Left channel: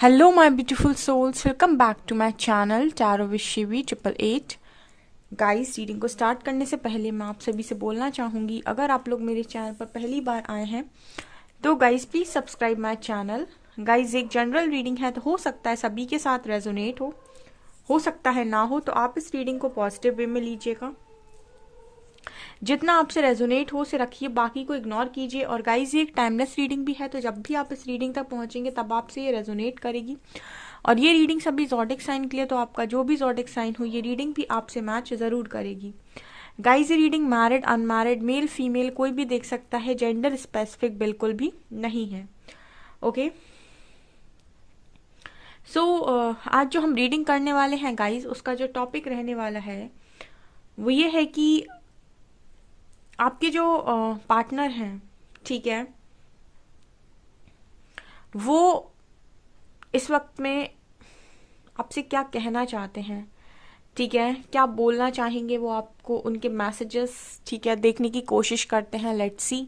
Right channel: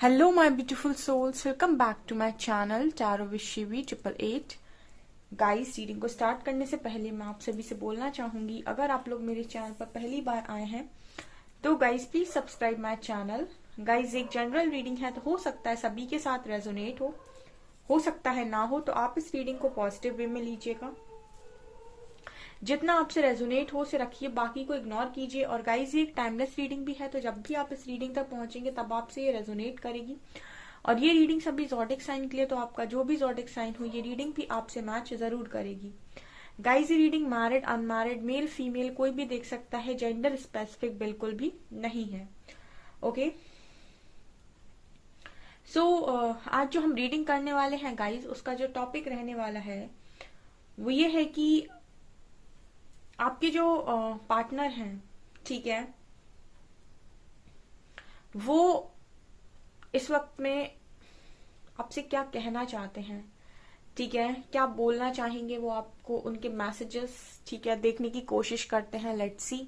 Hello, my beautiful souls. Welcome back to my channel Tarot with Shivi 888. Guys, reading को start करने से पहले मैं आप सभी से बोलना चाहूँगी, अगर आप लोग मेरे चैनल पर पहली बार आए हैं तो guys please subscribe my channel. Guys, एक जनरल रीडिंग है तो हो सकता है सभी के साथ रेजोनेट हो सकता है ना हो, तो आप इस रीडिंग को पॉजिटिव वे में लीजिएगा। जितना आपसे रेजोनेट हो उसे रखिए, बाकी को इग्नोर कीजिए। और गाइज, ये एक टाइमलेस रीडिंग भी है, तो जब भी आप इस रीडिंग तक पहुंचेंगे तब आपसे ये रेजोनेट करेगी। और ये रीडिंग सभी ज़ोडिक साइन के लिए, तो आपका जो भी ज़ोडिक साइन हो ये रीडिंग भी आपसे मैच ज़रूर करेगी। गाइज, ये reading married unmarried male female कोई भी देख सकता है, जेंडर स्पेसिफिक बिल्कुल भी नहीं है। ओके, आज जो हम रीडिंग करने वाले हैं गाइज, उसका जो टॉपिक रहने वाला है वो ये है कि आपके जो पार्टनर हैं, ठीक है, वो इस वक्त में आपसे क्या कहना चाहते हैं, ठीक है, क्या बोलना चाहेंगे वो आपको, उनके मैसेजेस, ठीक है, देखने की कोशिश करते हैं। Let's see.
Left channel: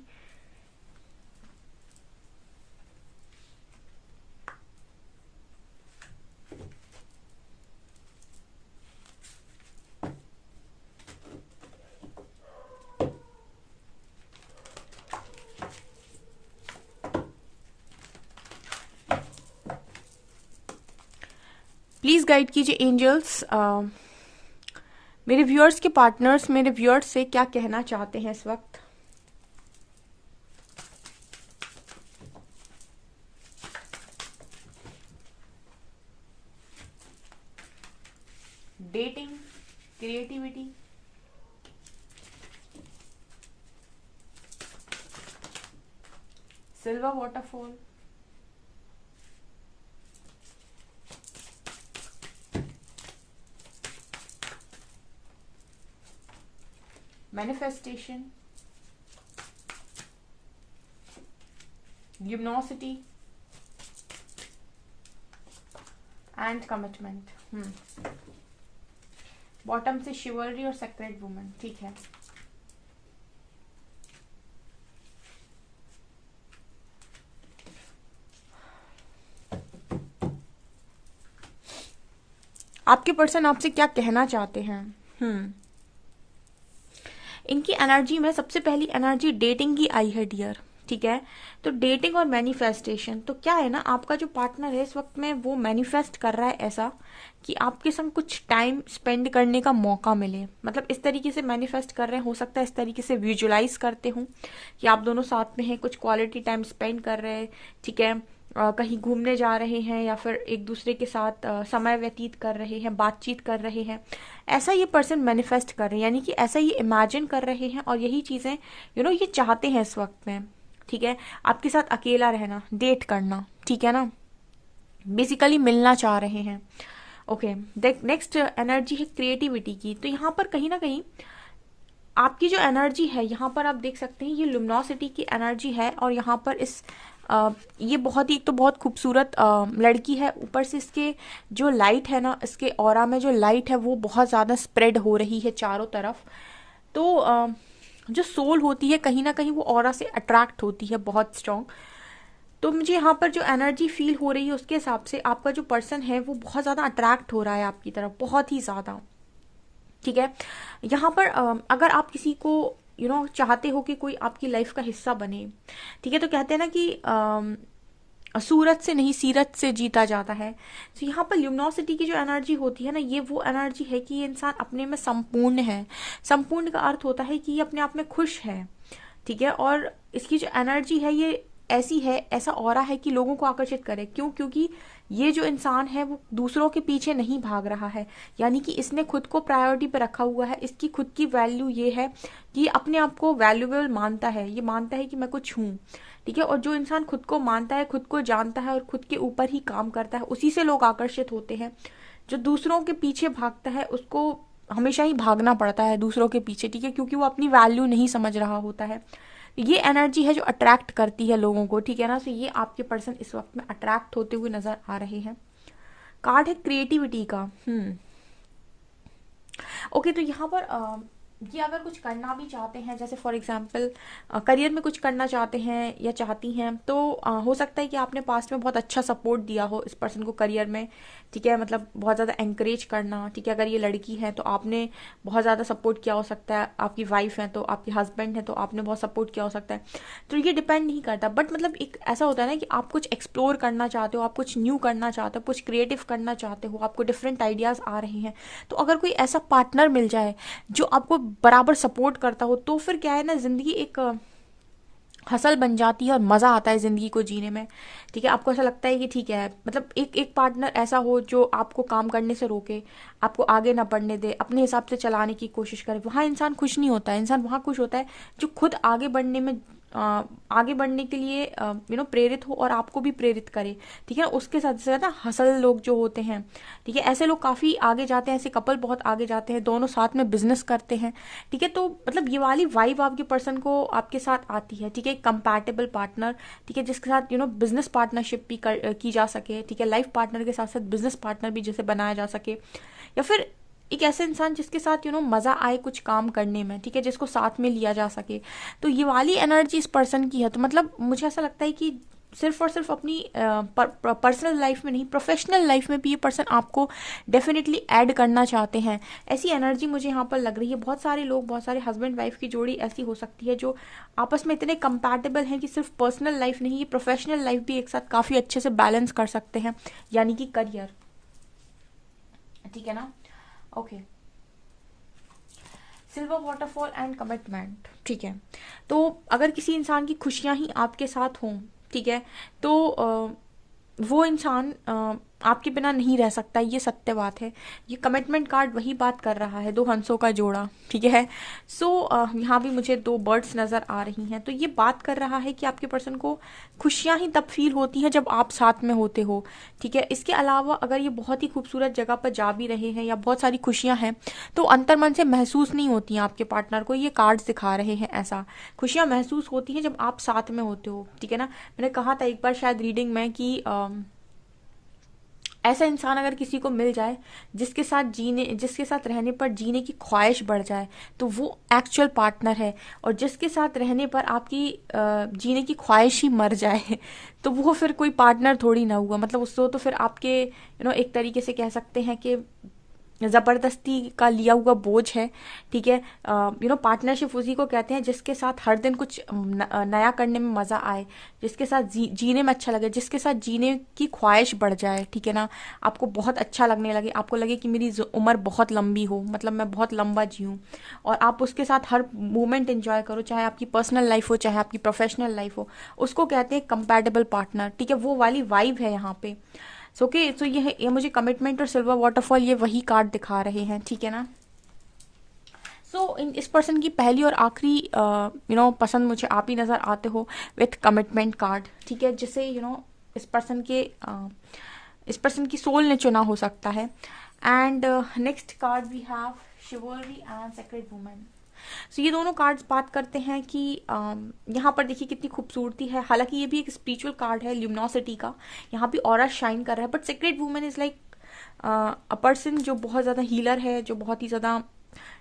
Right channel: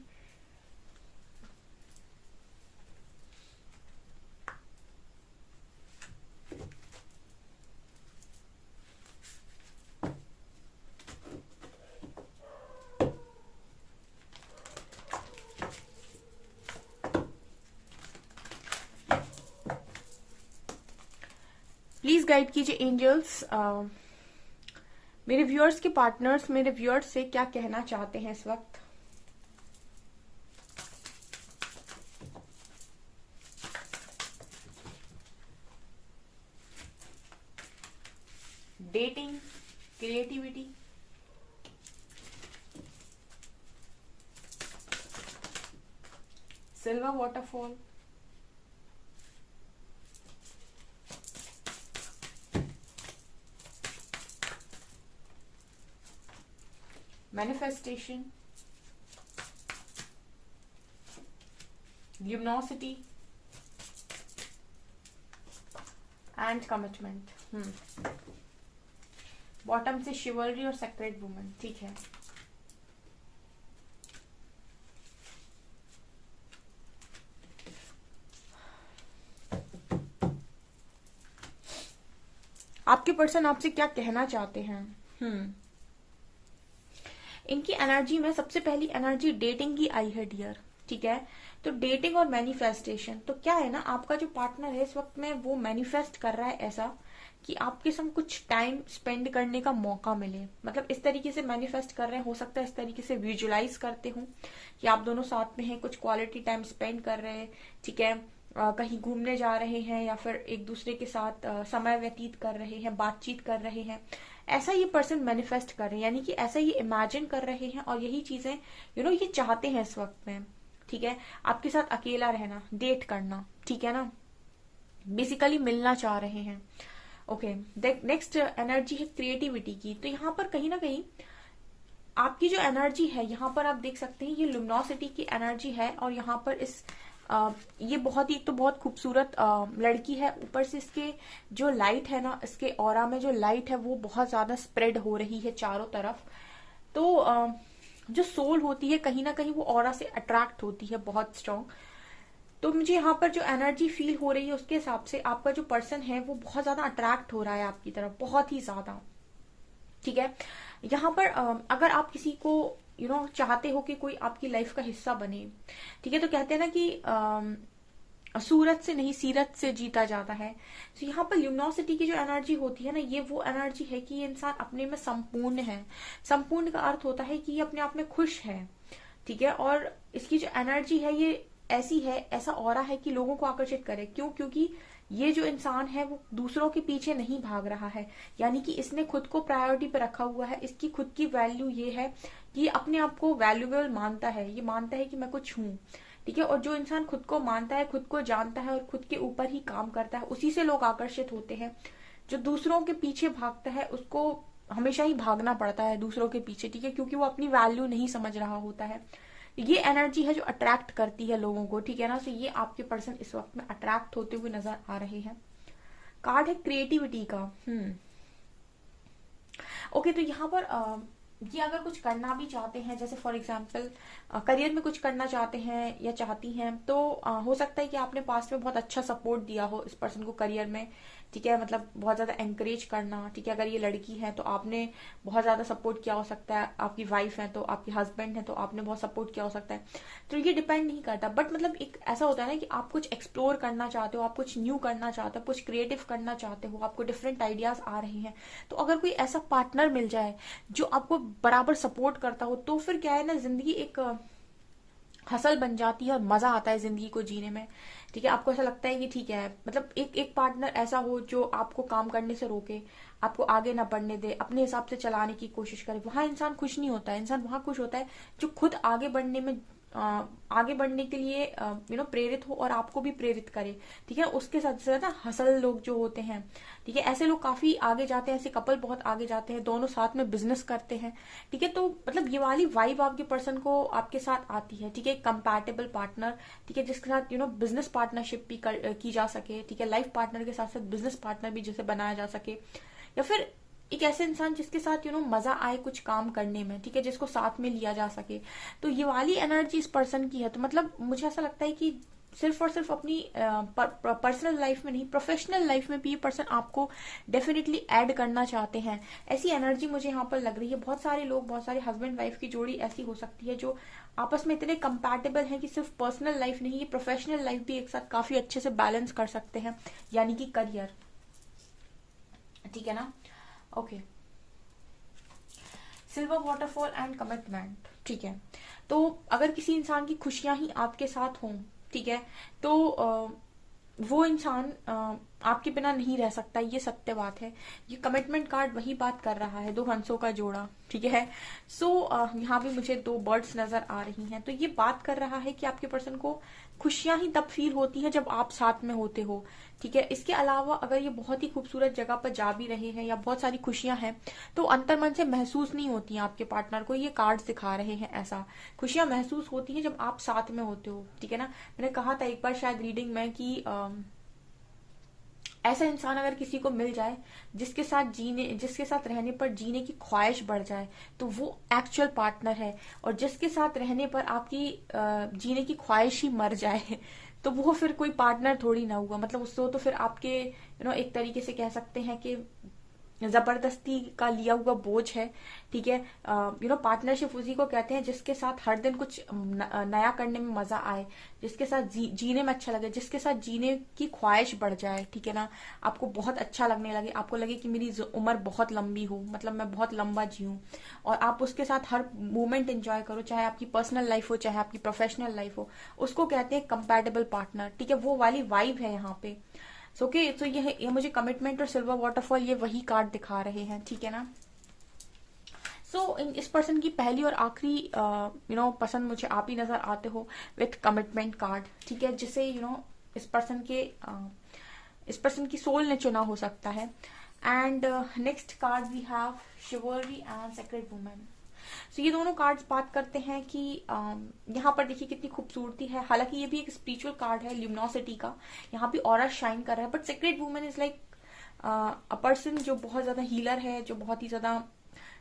प्लीज गाइड कीजिए एंजल्स, मेरे व्यूअर्स के पार्टनर्स मेरे व्यूअर्स से क्या कहना चाहते हैं इस वक्त। Dating, creativity, silver waterfall, manifestation, luminosity and commitment. Bottom से शिवलरी और सेक्रेट वुमन, ठीक है। आपके पर्सन आपसे क्या कहना चाहते हैं। इनकी एनर्जी में सबसे पहली एनर्जी डेटिंग की आई है डियर, ठीक है। तो डेटिंग और मैनिफेस्टेशन, तो क्या है ना, आपका जो पार्टनर है इस वक्त में वो मैनिफेस्ट कर रहा है ऐसा कि आपके संग कुछ टाइम स्पेंड करने का मौका मिले। मतलब इस तरीके से मैनिफेस्ट कर रहे हैं, हो सकता है इस तरीके से विजुलाइज करते हो कि आप दोनों साथ में हैं, कुछ क्वालिटी टाइम स्पेंड कर रहे हैं, ठीक है, कहीं घूमने जा रहे हैं या फिर एक दूसरे के साथ समय व्यतीत कर रहे हैं, बातचीत कर रहे हैं। ऐसा ये पर्सन मैनिफेस्ट कर रहे हैं, यानी कि ऐसा ये इमेजिन कर रहे हैं और यही चीजें ये चाहते हैं इस वक्त में, ठीक है। आपके साथ अकेला रहना, डेट करना, ठीक है ना, बेसिकली मिलना चाह रहे हैं। ओके, नेक्स्ट एनर्जी है क्रिएटिविटी की। तो यहाँ पर कहीं ना कहीं आपकी जो एनर्जी है, यहाँ पर आप देख सकते हैं ये लुमिनोसिटी की एनर्जी है। और यहाँ पर ये बहुत ही, एक तो बहुत खूबसूरत लड़की है, ऊपर से इसके जो लाइट है ना, इसके ऑरा में जो लाइट है वो बहुत ज़्यादा स्प्रेड हो रही है चारों तरफ। तो जो सोल होती है कहीं ना कहीं वो ऑरा से अट्रैक्ट होती है बहुत स्ट्रांग। तो मुझे यहाँ पर जो एनर्जी फील हो रही है उसके हिसाब से आपका जो पर्सन है वो बहुत ज़्यादा अट्रैक्ट हो रहा है आपकी तरफ, बहुत ही ज़्यादा, ठीक है। यहाँ पर अगर आप किसी को चाहते हो कि कोई आपकी लाइफ का हिस्सा बने, ठीक है, तो कहते हैं ना कि सूरत से नहीं सीरत से जीता जाता है। तो यहाँ पर ल्यूमिनोसिटी की जो एनर्जी होती है ना, ये वो एनर्जी है कि ये इंसान अपने में संपूर्ण है। संपूर्ण का अर्थ होता है कि ये अपने आप में खुश है, ठीक है। और इसकी जो एनर्जी है ये ऐसी है, ऐसा ऑरा है कि लोगों को आकर्षित करे। क्यों? क्योंकि ये जो इंसान है वो दूसरों के पीछे नहीं भाग रहा है, यानी कि इसने खुद को प्रायोरिटी पे रखा हुआ है। इसकी खुद की वैल्यू ये है कि ये अपने आप को वैल्यूएबल मानता है, ये मानता है कि मैं कुछ हूँ, ठीक है। और जो इंसान खुद को मानता है, खुद को जानता है और खुद के ऊपर ही काम करता है, उसी से लोग आकर्षित होते हैं। जो दूसरों के पीछे भागता है उसको हमेशा ही भागना पड़ता है दूसरों के पीछे, ठीक है, क्योंकि वो अपनी वैल्यू नहीं समझ रहा होता है। ये एनर्जी है जो अट्रैक्ट करती है लोगों को, ठीक है ना। तो ये आपके पर्सन इस वक्त में अट्रैक्ट होते हुए नजर आ रहे हैं। कार्ड है क्रिएटिविटी का। ओके, तो यहाँ पर ये अगर कुछ करना भी चाहते हैं, जैसे फॉर एग्जांपल करियर में कुछ करना चाहते हैं या चाहती हैं, तो हो सकता है कि आपने पास्ट में बहुत अच्छा सपोर्ट दिया हो इस पर्सन को करियर में, ठीक है, मतलब बहुत ज़्यादा एंकरेज करना, ठीक है। अगर ये लड़की है तो आपने बहुत ज़्यादा सपोर्ट किया हो सकता है, आपकी वाइफ है तो, आपके हस्बैंड है तो आपने बहुत सपोर्ट किया हो सकता है। तो ये डिपेंड नहीं करता, बट मतलब एक ऐसा होता है ना कि आप कुछ एक्सप्लोर करना चाहते हो, आप कुछ न्यू करना चाहते हो, कुछ क्रिएटिव करना चाहते हो, आपको डिफरेंट आइडियाज़ आ रहे हैं। तो अगर कोई ऐसा पार्टनर मिल जाए जो आपको बराबर सपोर्ट करता हो, तो फिर क्या है ना, जिंदगी एक हसल बन जाती है और मजा आता है जिंदगी को जीने में, ठीक है। आपको ऐसा लगता है कि ठीक है, मतलब एक एक पार्टनर ऐसा हो जो आपको काम करने से रोके, आपको आगे ना बढ़ने दे, अपने हिसाब से चलाने की कोशिश करे। वहां इंसान खुश नहीं होता है, इंसान वहां खुश होता है जो खुद आगे बढ़ने में आगे बढ़ने के लिए प्रेरित हो और आपको भी प्रेरित करे, ठीक है। उसके साथ ज्यादा हसल लोग जो होते हैं, ठीक है, ऐसे लोग काफी आगे जाते हैं, ऐसे कपल बहुत आगे जाते हैं, दोनों साथ में बिजनेस करते हैं, ठीक है। तो मतलब ये वाली वाइब आपके पर्सन को आपके साथ आती है, ठीक है। कंपैटिबल पार्टनर, ठीक है, जिसके साथ बिजनेस पार्टनरशिप भी की जा सके, ठीक है। लाइफ पार्टनर के साथ साथ बिजनेस पार्टनर भी जैसे बनाया जा सके, या फिर एक ऐसे इंसान जिसके साथ मजा आए कुछ काम करने में, ठीक है, जिसको साथ में लिया जा सके। तो ये वाली एनर्जी इस पर्सन की है। तो मतलब मुझे ऐसा लगता है कि सिर्फ और सिर्फ अपनी पर्सनल लाइफ में नहीं, प्रोफेशनल लाइफ में भी ये पर्सन आपको डेफिनेटली ऐड करना चाहते हैं। ऐसी एनर्जी मुझे यहाँ पर लग रही है। बहुत सारे लोग, बहुत सारे हस्बैंड वाइफ की जोड़ी ऐसी हो सकती है जो आपस में इतने कंपैटिबल हैं कि सिर्फ पर्सनल लाइफ नहीं, ये प्रोफेशनल लाइफ भी एक साथ काफी अच्छे से बैलेंस कर सकते हैं, यानी कि करियर, ठीक है ना। Okay, silver waterfall and commitment, ठीक है। तो अगर किसी इंसान की खुशियां ही आपके साथ हों, ठीक है, तो वो इंसान आपके बिना नहीं रह सकता, ये सत्य बात है। ये कमिटमेंट कार्ड वही बात कर रहा है, दो हंसों का जोड़ा, ठीक है। सो यहाँ भी मुझे दो बर्ड्स नजर आ रही हैं। तो ये बात कर रहा है कि आपके पर्सन को खुशियां ही तब फील होती हैं जब आप साथ में होते हो, ठीक है। इसके अलावा अगर ये बहुत ही खूबसूरत जगह पर जा भी रहे हैं या बहुत सारी खुशियां हैं, तो अंतर्मन से महसूस नहीं होती हैं आपके पार्टनर को, ये कार्ड्स दिखा रहे हैं ऐसा। खुशियां महसूस होती हैं जब आप साथ में होते हो, ठीक है ना। मैंने कहा था एक बार शायद रीडिंग में कि ऐसा इंसान अगर किसी को मिल जाए जिसके साथ रहने पर जीने की ख्वाहिश बढ़ जाए, तो वो एक्चुअल पार्टनर है। और जिसके साथ रहने पर आपकी जीने की ख्वाहिश ही मर जाए तो वो फिर कोई पार्टनर थोड़ी ना हुआ। मतलब उसको तो फिर आपके एक तरीके से कह सकते हैं कि जबरदस्ती का लिया हुआ बोझ है, ठीक है। पार्टनरशिप उसी को कहते हैं जिसके साथ हर दिन कुछ नया करने में मजा आए, जिसके साथ जीने में अच्छा लगे, जिसके साथ जीने की ख्वाहिश बढ़ जाए, ठीक है ना। आपको बहुत अच्छा लगने लगे, आपको लगे कि मेरी उम्र बहुत लंबी हो, मतलब मैं बहुत लंबा जीऊँ, और आप उसके साथ हर मोमेंट एंजॉय करो, चाहे आपकी पर्सनल लाइफ हो चाहे आपकी प्रोफेशनल लाइफ हो। उसको कहते हैं कंपैटिबल पार्टनर, ठीक है। वो वाली वाइब है यहाँ पे। सो ओके, तो ये मुझे कमिटमेंट और सिल्वर वाटरफॉल ये वही कार्ड दिखा रहे हैं, ठीक है ना। सो इस पर्सन की पहली और आखिरी पसंद मुझे आप ही नजर आते हो विथ कमिटमेंट कार्ड, ठीक है, जिसे इस पर्सन के इस पर्सन की सोल ने चुना हो सकता है। And next card we have chivalry and secret women. सो ये दोनों कार्ड्स बात करते हैं कि यहाँ पर देखिए कितनी खूबसूरती है। हालांकि ये भी एक स्पिरिचुअल कार्ड है, ल्यूमिनोसिटी का, यहाँ भी ऑरा शाइन कर रहा है। But secret women is like a person जो बहुत ज्यादा हीलर है, जो बहुत ही ज्यादा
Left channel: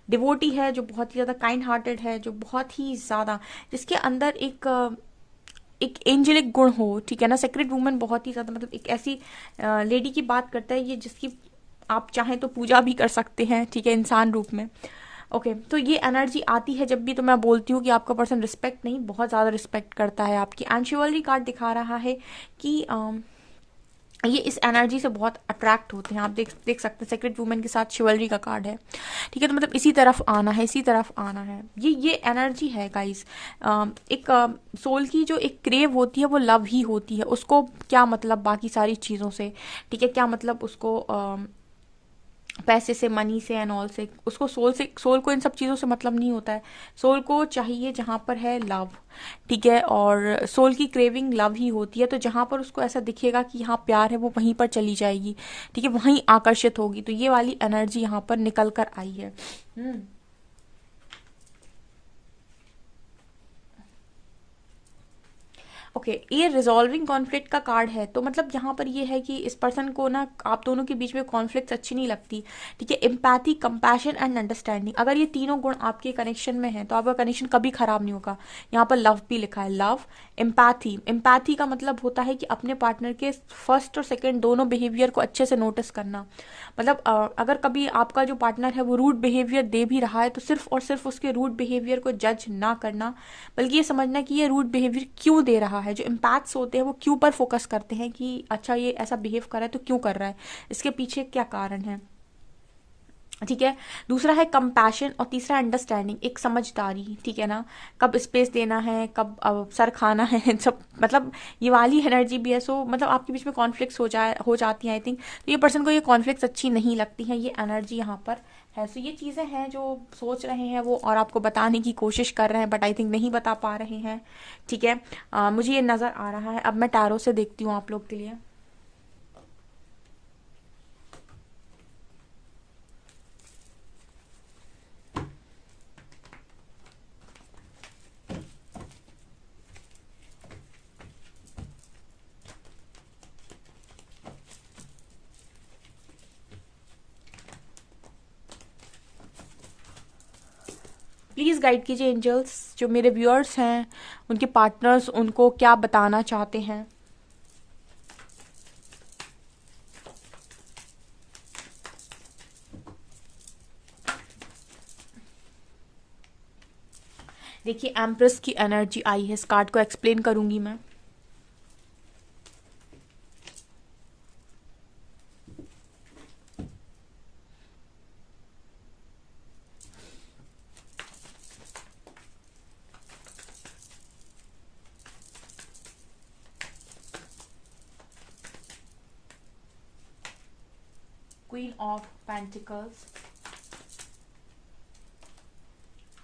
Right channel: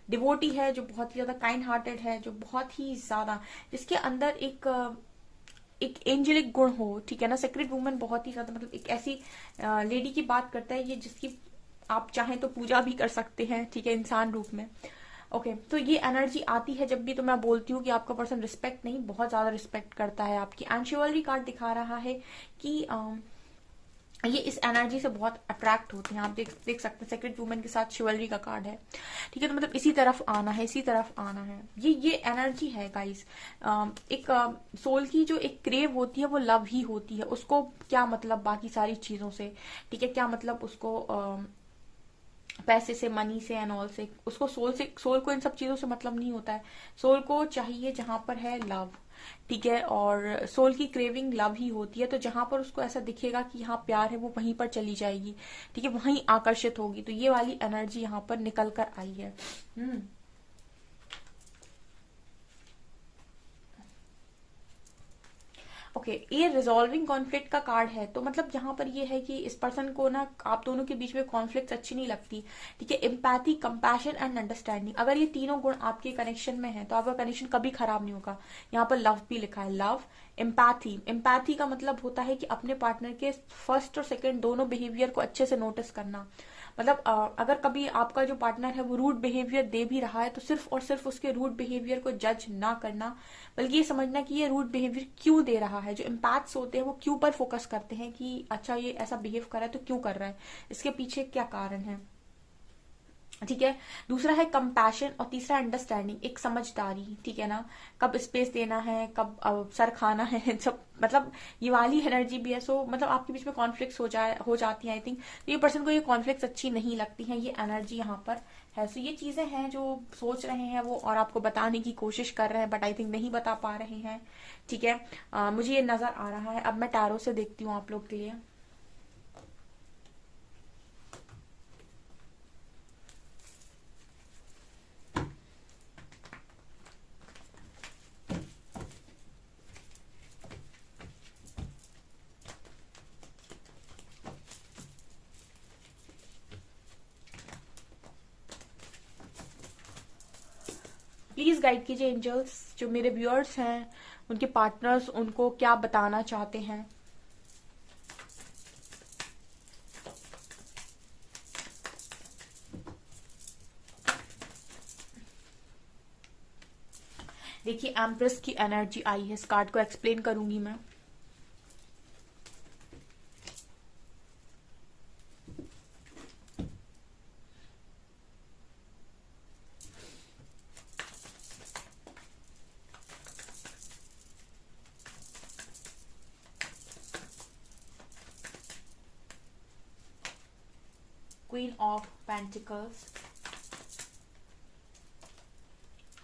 डिवोटी है, जो बहुत ही ज्यादा काइंड हार्टेड है, जो बहुत ही ज्यादा जिसके अंदर एक एंजेलिक गुण हो, ठीक है ना। सीक्रेट वुमेन बहुत ही ज्यादा मतलब एक ऐसी लेडी की बात करता है ये जिसकी आप चाहें तो पूजा भी कर सकते हैं, ठीक है, इंसान रूप में। ओके, तो ये एनर्जी आती है जब भी तो मैं बोलती हूँ कि आपका पर्सन रिस्पेक्ट नहीं, बहुत ज्यादा रिस्पेक्ट करता है आपकी। एंड शिवल्री कार्ड दिखा रहा है कि ये इस एनर्जी से बहुत अट्रैक्ट होते हैं। आप देख सकते हैं सेक्रेट वुमेन के साथ शिवल्री का कार्ड है, ठीक है। तो मतलब इसी तरफ आना है, इसी तरफ आना है, ये एनर्जी है गाइस। एक सोल की जो एक क्रेव होती है वो लव ही होती है। उसको क्या मतलब बाकी सारी चीजों से, ठीक है, क्या मतलब उसको पैसे से, मनी से एंड ऑल से, उसको सोल को इन सब चीजों से मतलब नहीं होता है। सोल को चाहिए जहां पर है लव, ठीक है, और सोल की क्रेविंग लव ही होती है। तो जहां पर उसको ऐसा दिखेगा कि यहाँ प्यार है, वो वहीं पर चली जाएगी, ठीक है, वहीं आकर्षित होगी। तो ये वाली एनर्जी यहाँ पर निकल कर आई है। ओके ये रिजॉल्विंग कॉन्फ्लिक्ट का कार्ड है, तो मतलब यहाँ पर ये है कि इस पर्सन को ना आप दोनों के बीच में कॉन्फ्लिक्ट अच्छी नहीं लगती, ठीक है। एम्पैथी, कंपैशन एंड अंडरस्टैंडिंग, अगर ये तीनों गुण आपके कनेक्शन में है तो आपका कनेक्शन कभी खराब नहीं होगा। यहाँ पर लव भी लिखा है, लव, एम्पैथी। एम्पैथी का मतलब होता है कि अपने पार्टनर के फर्स्ट और सेकेंड दोनों बिहेवियर को अच्छे से नोटिस करना। मतलब अगर कभी आपका जो पार्टनर है वो रूड बिहेवियर दे भी रहा है तो सिर्फ और सिर्फ उसके रूड बिहेवियर को जज ना करना, बल्कि ये समझना कि ये रूड बिहेवियर क्यों दे रहा है। जो इम्पैक्ट्स होते हैं वो क्यों पर फोकस करते हैं कि अच्छा ये ऐसा बिहेव कर रहा है तो क्यों कर रहा है, इसके पीछे क्या कारण है, ठीक है। दूसरा है कंपैशन और तीसरा अंडरस्टैंडिंग, एक समझदारी, ठीक है ना। कब स्पेस देना है, कब सर खाना है सब, मतलब ये वाली एनर्जी भी है। सो मतलब आपके बीच में कॉन्फ्लिक्ट्स हो जाती हैं आई थिंक। तो ये पर्सन को ये कॉन्फ्लिक्ट्स अच्छी नहीं लगती हैं, ये एनर्जी यहाँ पर है। सो ये चीज़ें हैं जो सोच रहे हैं वो और आपको बताने की कोशिश कर रहे हैं, बट आई थिंक नहीं बता पा रहे हैं, ठीक है। मुझे ये नज़र आ रहा है। अब मैं टैरो से देखती हूँ आप लोग के लिए। प्लीज़ गाइड कीजिए एंजल्स, जो मेरे व्यूअर्स हैं उनके पार्टनर्स उनको क्या बताना चाहते हैं। देखिए एम्प्रेस की एनर्जी आई है, इस कार्ड को एक्सप्लेन करूंगी मैं। Queen of pentacles,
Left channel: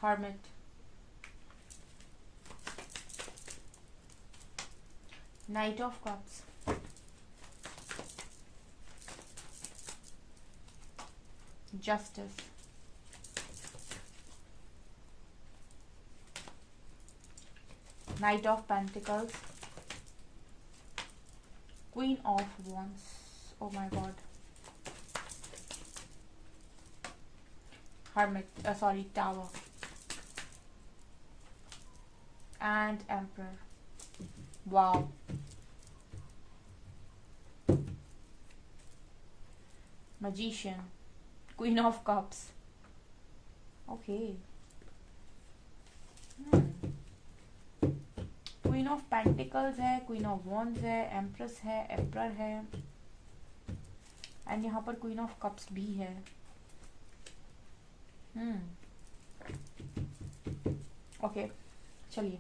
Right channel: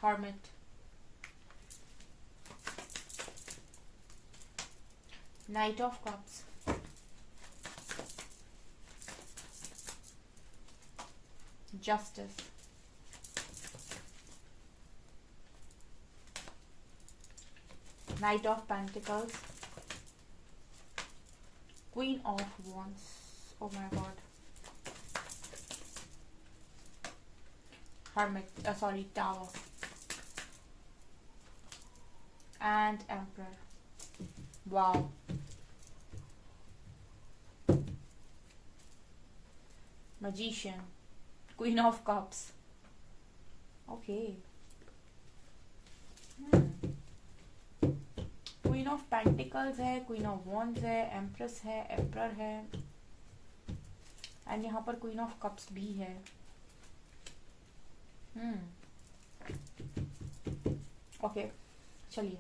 hermit, night of cups, justice, night of pentacles, queen of wands, oh my God, hermit, sorry, tower and emperor. Wow. Magician, queen of cups. Okay. Queen of pentacles है, queen of wands है, empress है, emperor है, and यहाँ पर queen of cups भी है। Okay चलिए,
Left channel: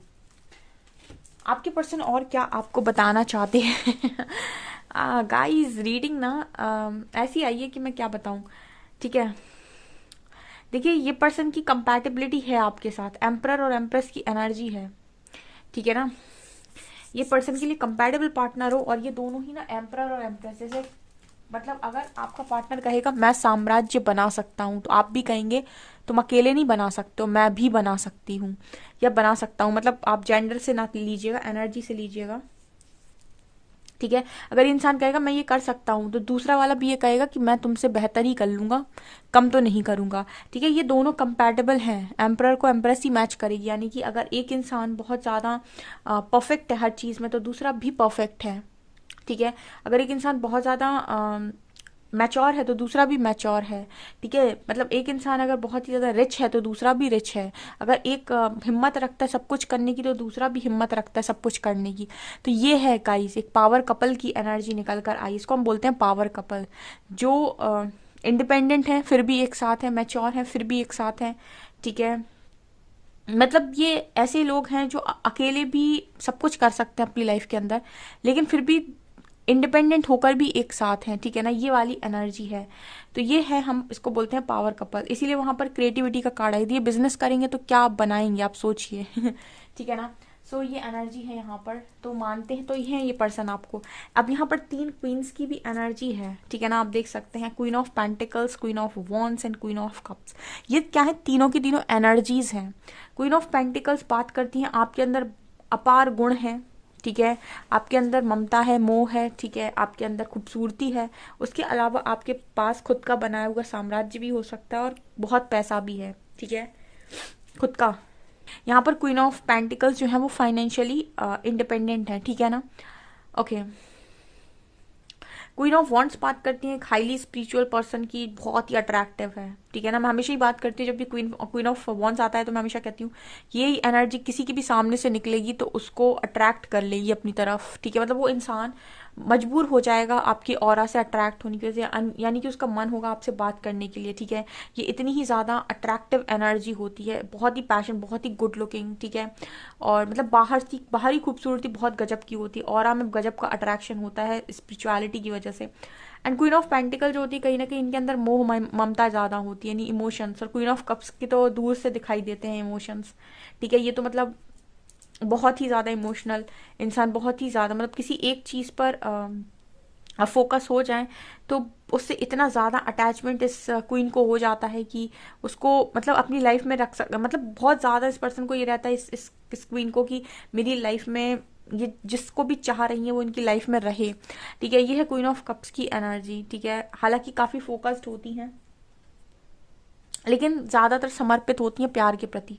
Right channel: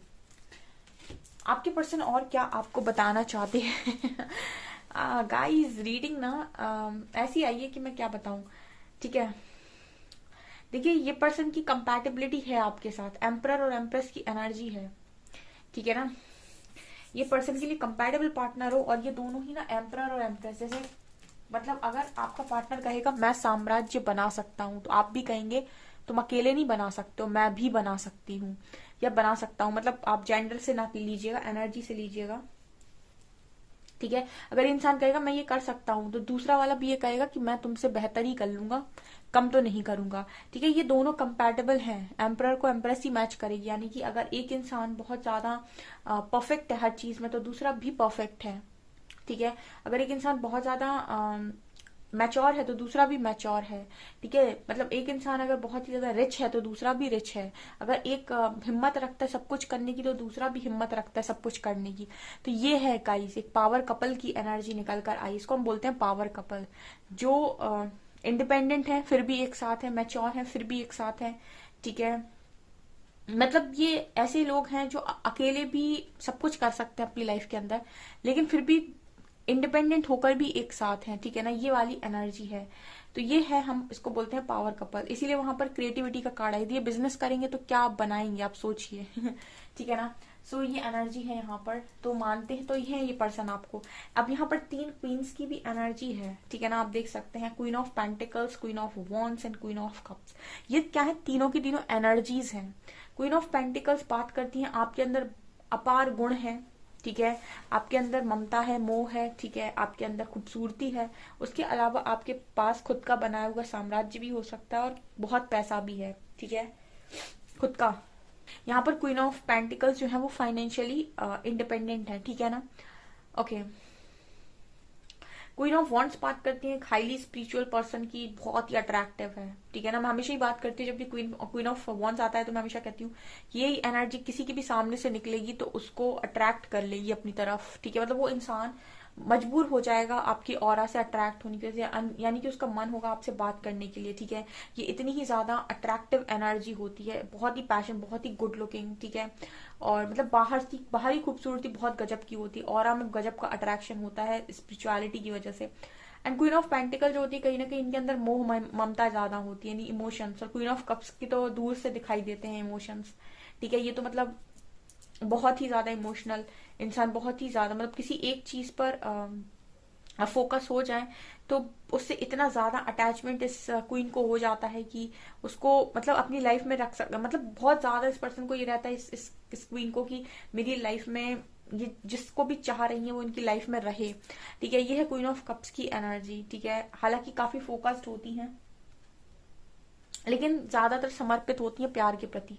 आपके पर्सन और क्या आपको बताना चाहते हैं। गाइस रीडिंग ना ऐसी आई है कि मैं क्या बताऊं, ठीक है। देखिए ये पर्सन की कंपैटिबिलिटी है आपके साथ, एम्परर और एम्प्रेस की एनर्जी है, ठीक है ना। ये पर्सन के लिए कंपैटिबल पार्टनर हो, और ये दोनों ही ना एम्परर और एम्प्रेस, जैसे मतलब अगर आपका पार्टनर कहेगा मैं साम्राज्य बना सकता हूँ तो आप भी कहेंगे तुम अकेले नहीं बना सकते हो, मैं भी बना सकती हूँ या बना सकता हूँ। मतलब आप जेंडर से ना लीजिएगा, एनर्जी से लीजिएगा, ठीक है। अगर इंसान कहेगा मैं ये कर सकता हूँ तो दूसरा वाला भी ये कहेगा कि मैं तुमसे बेहतर ही कर लूंगा, कम तो नहीं करूंगा, ठीक है। ये दोनों कंपैटिबल हैं, एम्परर को एम्प्रेस ही मैच करेगी। यानी कि अगर एक इंसान बहुत ज़्यादा परफेक्ट है हर चीज़ में तो दूसरा भी परफेक्ट है, ठीक है। अगर एक इंसान बहुत ज़्यादा मैच्योर है तो दूसरा भी मैच्योर है, ठीक है। मतलब एक इंसान अगर बहुत ही ज़्यादा रिच है तो दूसरा भी रिच है। अगर एक हिम्मत रखता है सब कुछ करने की तो दूसरा भी हिम्मत रखता है सब कुछ करने की। तो ये है गाइस एक पावर कपल की एनर्जी निकल कर आई, इसको हम बोलते हैं पावर कपल, जो इंडिपेंडेंट है फिर भी एक साथ है, मैच्योर है फिर भी एक साथ है, ठीक है। मतलब ये ऐसे लोग हैं जो अकेले भी सब कुछ कर सकते हैं अपनी लाइफ के अंदर, लेकिन फिर भी इंडिपेंडेंट होकर भी एक साथ हैं, ठीक है ना। ये वाली एनर्जी है, तो ये है, हम इसको बोलते हैं पावर कपल। इसीलिए वहां पर क्रिएटिविटी का कार्ड आई, ये बिजनेस करेंगे तो क्या आप बनाएंगे आप सोचिए। ठीक है ना। सो ये एनर्जी है यहाँ पर, तो मानते हैं तो ये पर्सन आपको। अब यहाँ पर 3 क्वींस की भी एनर्जी है, ठीक है ना। आप देख सकते हैं queen of pentacles, queen of wands and queen of cups. ये क्या है, तीनों की तीनों एनर्जीज हैं। क्वीन ऑफ पेंटिकल्स बात करती हैं आपके अंदर अपार गुण है, ठीक है, आपके अंदर ममता है, मोह है, ठीक है, आपके अंदर खूबसूरती है, उसके अलावा आपके पास खुद का बनाया हुआ साम्राज्य भी हो सकता है और बहुत पैसा भी है, ठीक है, खुद का। यहाँ पर क्वीन ऑफ पेंटिकल्स जो है वो फाइनेंशियली इंडिपेंडेंट है, ठीक है ना। ओके, क्वीन ऑफ वॉन्ट्स बात करती है एक हाईली स्पिरिचुअल पर्सन की, बहुत ही अट्रैक्टिव है, ठीक है ना। मैं हमेशा ही बात करती हूँ जब भी क्वीन ऑफ वॉन्ट्स आता है तो मैं हमेशा कहती हूँ ये एनर्जी किसी की भी सामने से निकलेगी तो उसको अट्रैक्ट कर लेगी अपनी तरफ, ठीक है। मतलब वो इंसान मजबूर हो जाएगा आपकी ऑरा से अट्रैक्ट होने की वजह से, यानी कि उसका मन होगा आपसे बात करने के लिए, ठीक है। ये इतनी ही ज्यादा अट्रैक्टिव एनर्जी होती है, बहुत ही पैशन, बहुत ही गुड लुकिंग, ठीक है। और मतलब बाहरी खूबसूरती बहुत गजब की होती है, ऑरा में गजब का अट्रैक्शन होता है स्पिरिचुअलिटी की वजह से। एंड क्वीन ऑफ पेंटिकल जो होती है कहीं ना कहीं इनके अंदर मोह ममता ज्यादा होती है, यानी इमोशंस। और क्वीन ऑफ कप्स की तो दूर से दिखाई देते हैं इमोशंस, ठीक है। ये तो मतलब बहुत ही ज्यादा इमोशनल इंसान, बहुत ही ज्यादा, मतलब किसी एक चीज पर फोकस हो जाए तो उससे इतना ज्यादा अटैचमेंट इस क्वीन को हो जाता है कि उसको मतलब अपनी लाइफ में रख सकता, मतलब बहुत ज्यादा इस पर्सन को ये रहता है इस क्वीन को कि मेरी लाइफ में ये जिसको भी चाह रही है वो इनकी लाइफ में रहे, ठीक है। ये है क्वीन ऑफ कप्स की एनर्जी, ठीक है। हालांकि काफी फोकस्ड होती हैं लेकिन ज्यादातर समर्पित होती हैं प्यार के प्रति।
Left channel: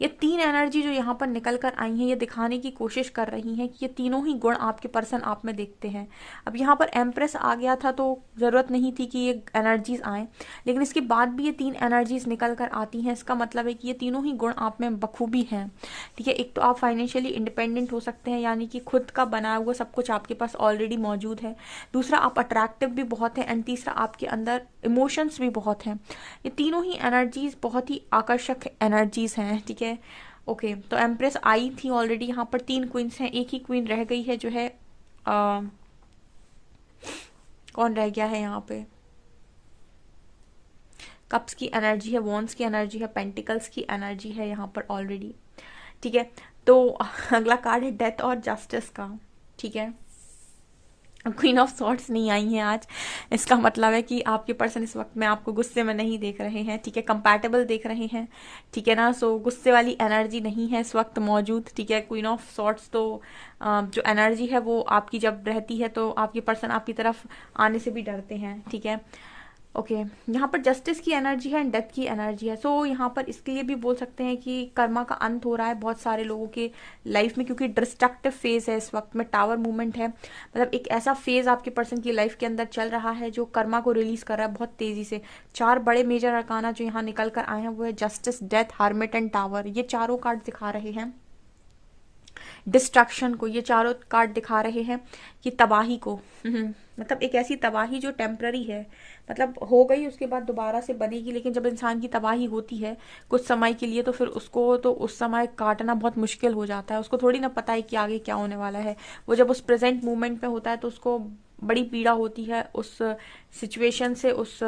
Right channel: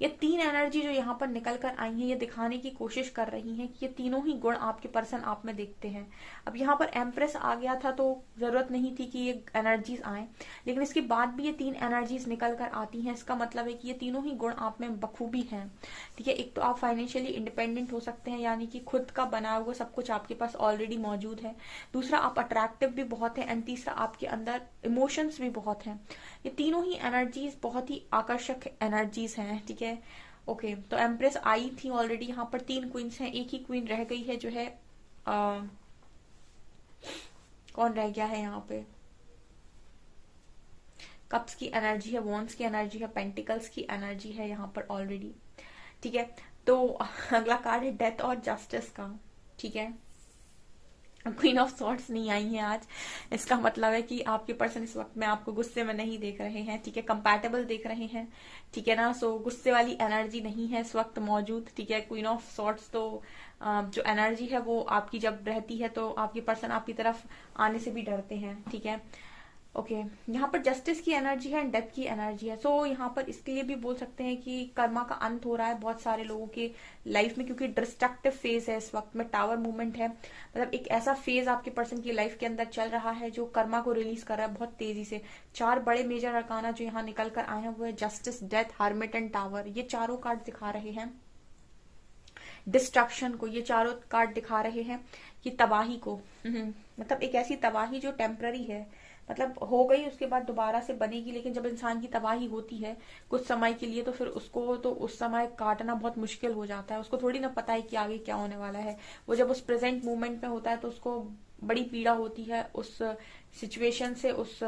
ये तीन एनर्जी जो यहाँ पर निकल कर आई हैं ये दिखाने की कोशिश कर रही हैं कि ये तीनों ही गुण आपके पर्सन आप में देखते हैं। अब यहाँ पर एम्प्रेस आ गया था तो जरूरत नहीं थी कि ये एनर्जीज आए, लेकिन इसके बाद भी ये तीन एनर्जीज निकल कर आती हैं। इसका मतलब है कि ये तीनों ही गुण आप में बखूबी हैं, ठीक है। एक तो आप फाइनेंशियली इंडिपेंडेंट हो सकते हैं, यानी कि खुद का बनाया हुआ सब कुछ आपके पास ऑलरेडी मौजूद है। दूसरा, आप अट्रैक्टिव भी बहुत है। एंड तीसरा, आपके अंदर इमोशंस भी बहुत हैं। ये तीनों ही एनर्जीज बहुत ही आकर्षक एनर्जीज हैं, ठीक है। ओके, तो एम्प्रेस आई थी ऑलरेडी, यहाँ पर तीन क्वींस हैं, एक ही क्वीन रह गई है जो है कौन रह गया है यहाँ पे, कप्स की एनर्जी है, वॉन्स की एनर्जी है, पेंटिकल्स की एनर्जी है यहाँ पर ऑलरेडी, ठीक है। तो अगला कार्ड है डेथ और जस्टिस का, ठीक है। क्वीन ऑफ सॉर्ड्स नहीं आई है आज, इसका मतलब है कि आपके पर्सन इस वक्त में आपको गुस्से में नहीं देख रहे हैं, ठीक है, कंपैटिबल देख रहे हैं, ठीक है ना। सो गुस्से वाली एनर्जी नहीं है इस वक्त मौजूद, ठीक है। क्वीन ऑफ सॉर्ड्स तो जो एनर्जी है वो आपकी जब रहती है तो आपके पर्सन आपकी तरफ आने से भी डरते हैं, ठीक है। ओके, यहाँ पर जस्टिस की एनर्जी है एंड डेथ की एनर्जी है। सो यहाँ पर इसके लिए भी बोल सकते हैं कि कर्मा का अंत हो रहा है बहुत सारे लोगों के लाइफ में, क्योंकि डिस्ट्रक्टिव फेज है इस वक्त में, टावर मूवमेंट है, मतलब एक ऐसा फेज आपके पर्सन की लाइफ के अंदर चल रहा है जो कर्मा को रिलीज कर रहा है बहुत तेजी से। चार बड़े मेजर अरकाना जो यहाँ निकल कर आए हैं वो है justice, death, hermit and tower. ये चारों कार्ड दिखा रहे हैं डिस्ट्रक्शन को, ये चारों कार्ड दिखा रहे हैं कि तबाही को, मतलब एक ऐसी तबाही जो टेम्पररी है, मतलब हो गई उसके बाद दोबारा से बनेगी। लेकिन जब इंसान की तबाही होती है कुछ समय के लिए तो फिर उसको तो उस समय काटना बहुत मुश्किल हो जाता है, उसको थोड़ी ना पता है कि आगे क्या होने वाला है। वो जब उस प्रेजेंट मोमेंट में होता है तो उसको बड़ी पीड़ा होती है उस सिचुएशन से, उस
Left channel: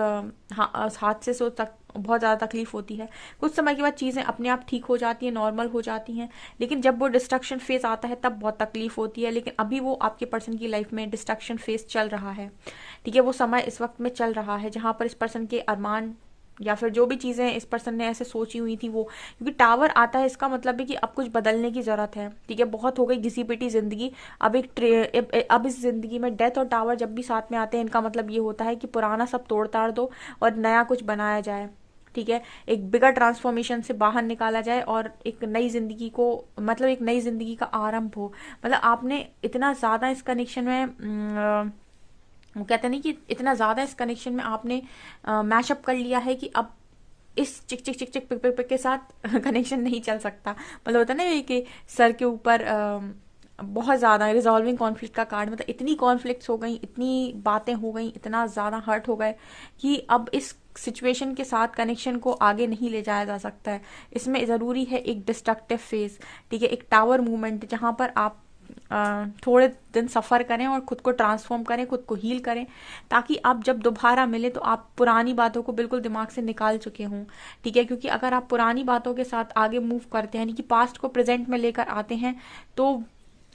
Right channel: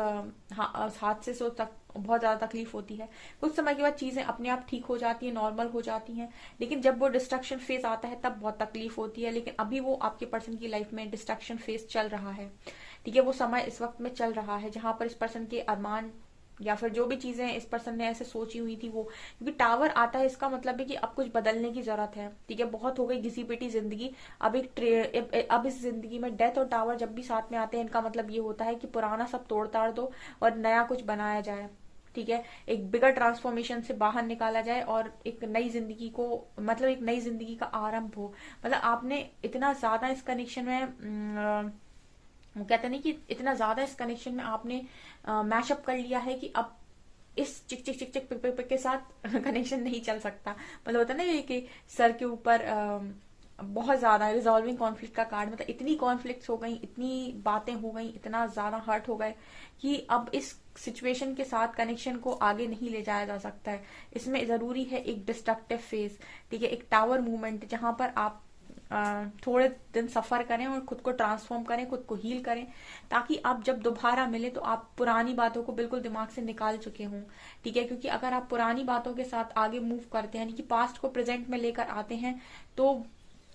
हादसे से बहुत ज्यादा तकलीफ होती है। कुछ समय के बाद चीजें अपने आप ठीक हो जाती हैं, नॉर्मल हो जाती हैं, लेकिन जब वो डिस्ट्रक्शन फेज आता है तब बहुत तकलीफ होती है। लेकिन अभी वो आपके पर्सन की लाइफ में डिस्ट्रक्शन फेज चल रहा है, ठीक है। वो समय इस वक्त में चल रहा है जहां पर इस पर्सन के अरमान या फिर जो भी चीजें इस पर्सन ने ऐसे सोची हुई थी वो, क्योंकि टावर आता है इसका मतलब है कि अब कुछ बदलने की जरूरत है, ठीक है। बहुत हो गई घिसी पिटी जिंदगी, अब इस जिंदगी में डेथ और टावर जब भी साथ में आते हैं इनका मतलब ये होता है कि पुराना सब तोड़ ताड़ दो और नया कुछ बनाया जाए, ठीक है। एक बिगर ट्रांसफॉर्मेशन से बाहर निकाला जाए और एक नई जिंदगी को, मतलब एक नई जिंदगी का आरंभ हो। मतलब आपने इतना ज्यादा इस कनेक्शन में वो कहते नहीं कि इतना ज्यादा इस कनेक्शन में आपने मैशअप कर लिया है कि अब इस चिक चिक चिक चिक पिक पिक पिक के साथ कनेक्शन नहीं चल सकता। मतलब होता है ना कि सर के ऊपर बहुत ज्यादा रिजॉल्विंग कॉन्फ्लिक्ट का कार्ड, मतलब इतनी कॉन्फ्लिक्ट्स हो गई, इतनी बातें हो गई, इतना ज्यादा हर्ट हो गए कि अब इस सिचुएशन के साथ कनेक्शन को आगे नहीं ले जाया जा सकता है। इसमें जरूरी है एक डिस्ट्रक्टिव फेज, ठीक है, एक टावर मूवमेंट जहां पर आप थोड़े दिन सफर करें और खुद को ट्रांसफॉर्म करें, खुद को हील करें, ताकि आप जब दोबारा मिले तो आप पुरानी बातों को बिल्कुल दिमाग से निकाल चुके हों, ठीक है। क्योंकि अगर आप पुरानी बातों के साथ आगे मूव करते हैं, यानी कि पास्ट को प्रेजेंट में लेकर आते हैं, तो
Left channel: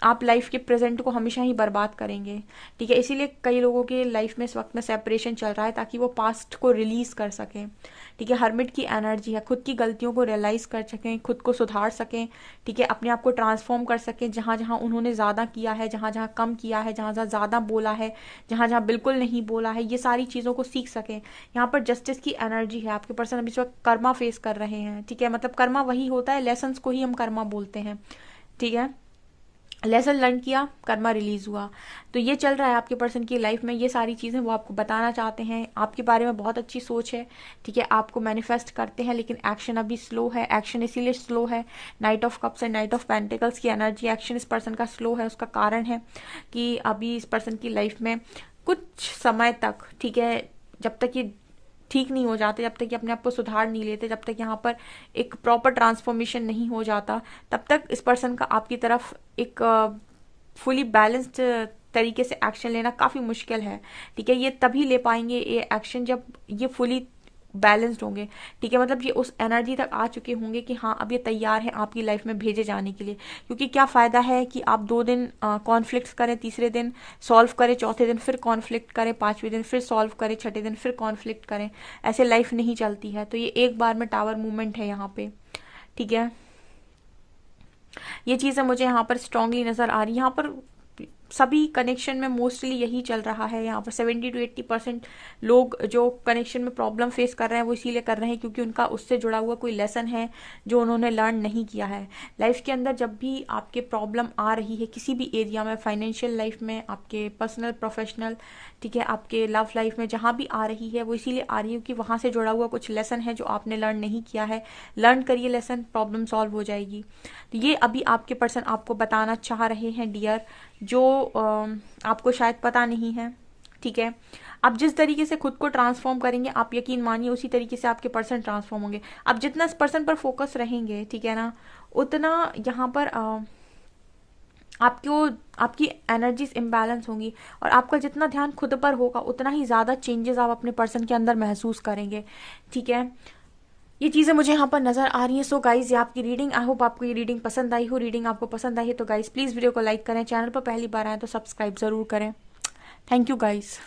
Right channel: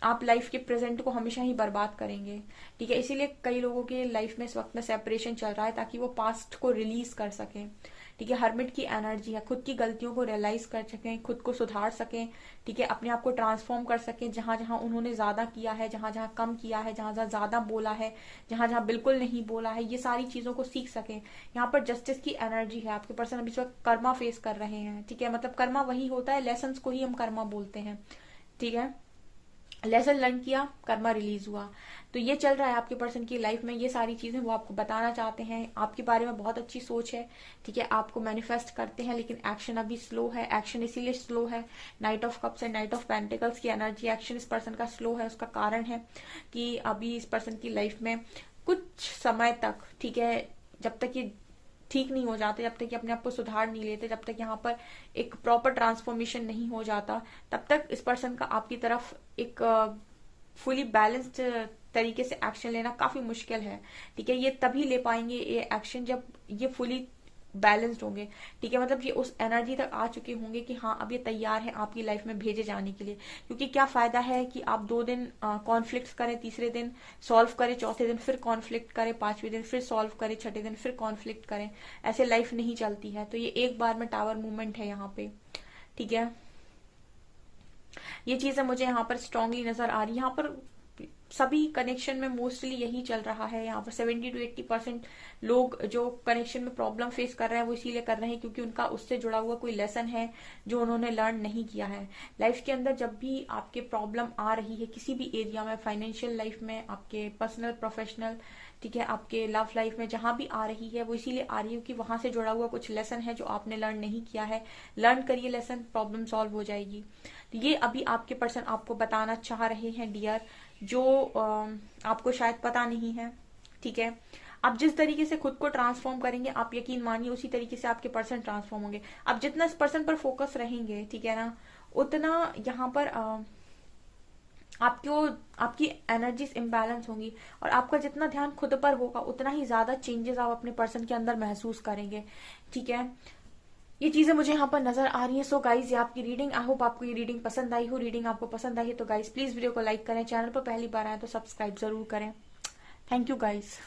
आप लाइफ के प्रेजेंट को हमेशा ही बर्बाद करेंगे, ठीक है। इसीलिए कई लोगों के लाइफ में इस वक्त में सेपरेशन चल रहा है ताकि वो पास्ट को रिलीज कर सकें, ठीक है, हर्मिट की एनर्जी है, खुद की गलतियों को रियलाइज कर सकें, खुद को सुधार सकें, ठीक है, अपने आप को ट्रांसफॉर्म कर सकें, जहाँ जहाँ उन्होंने ज़्यादा किया है, जहाँ जहाँ कम किया है, जहाँ जहाँ ज़्यादा बोला है, जहाँ जहाँ बिल्कुल नहीं बोला है, ये सारी चीज़ों को सीख सकें। यहाँ पर जस्टिस की एनर्जी है, आपके पर्सन अभी इस वक्त कर्मा फेस कर रहे हैं, ठीक है, मतलब कर्मा वही होता है, लेसन्स को ही हम कर्मा बोलते हैं, ठीक है, लेसन लर्न किया, कर्मा रिलीज हुआ। तो ये चल रहा है आपके पर्सन की लाइफ में, ये सारी चीजें वो आपको बताना चाहते हैं, आपके बारे में बहुत अच्छी सोच है, ठीक है, आपको मैनिफेस्ट करते हैं, लेकिन एक्शन अभी स्लो है। एक्शन इसीलिए स्लो है, night of cups and night of pentacles की एनर्जी, एक्शन इस पर्सन का स्लो है। उसका कारण है कि अभी इस पर्सन की लाइफ में कुछ समय तक, ठीक है, जब तक ये ठीक नहीं हो जाते, जब तक कि अपने आप को सुधार नहीं लेते, जब तक यहाँ पर एक प्रॉपर ट्रांसफॉर्मेशन नहीं हो जाता, तब तक इस पर्सन का आपकी तरफ एक फुली बैलेंस्ड तरीके से एक्शन लेना काफी मुश्किल है, ठीक है। ये तभी ले पाएंगे ये एक्शन जब ये फुली बैलेंस्ड होंगे, ठीक है, मतलब ये उस एनर्जी तक आ चुके होंगे कि हाँ अब ये तैयार है आपकी लाइफ में भेजे जाने के लिए। क्योंकि क्या फायदा है कि आप 2 दिन कॉन्फ्लिक्ट करें, तीसरे दिन सॉल्व करें, चौथे दिन फिर कॉन्फ्लिक्ट करें, 5वें दिन फिर सॉल्व करें, छठे दिन फिर कॉन्फ्लिक्ट करें, ऐसे लाइफ नहीं चलती है। तो ये एक बार में टावर मूवमेंट है यहाँ पे, ठीक है। ये चीजें मुझे यहाँ पर स्ट्रांगली नजर आ रही है। यहाँ पर सभी कनेक्शन में मोस्टली यही चल रहा है। यहाँ पर 70 to 80% लोग जो कनेक्शन में प्रॉब्लम फेस कर रहे हैं वो इसीलिए कर रहे हैं क्योंकि उनका उससे जुड़ा हुआ कोई लेसन है जो उन्होंने लर्न नहीं किया है। लाइफ के अंदर जब भी आपके प्रॉब्लम आ रही है किसी भी एरिया में, फाइनेंशियल लाइफ में, आपके पर्सनल प्रोफेशनल, ठीक है, आपके लव लाइफ में, जहां भी आ रही है वो इसीलिए आ रही है कि वहां से जुड़ा हुआ कुछ लेसन है जो आपने लर्न नहीं किया है। लर्न करिए लेसन, प्रॉब्लम सॉल्व हो जाएगी। तो ये अभी आपके पर्सन आपको बताना चाह रहे हैं डियर, जो आपको शायद पता नहीं है, ठीक है। आप जिस तरीके से खुद को ट्रांसफॉर्म करेंगे, आप यकीन मानिए उसी तरीके से आपके पर्सन ट्रांसफॉर्म होंगे। आप जितना इस पर्सन पर फोकस रहेंगे, ठीक है ना, उतना यहाँ पर आपको आपकी एनर्जीज इम्बैलेंस होंगी और आपका जितना ध्यान खुद पर होगा उतना ही ज्यादा चेंजेस आप अपने पर्सन के अंदर महसूस करेंगे, ठीक है। ये चीजें मुझे यहाँ पर नजर आ रही हैं। सो गाइज ये आपकी रीडिंग, आई होप आपको ये रीडिंग पसंद आई हो। रीडिंग आपको पसंद आई है तो गाइज प्लीज वीडियो को लाइक करें, चैनल पर पहली बार आए तो सब्सक्राइब जरूर करें। Thank you guys.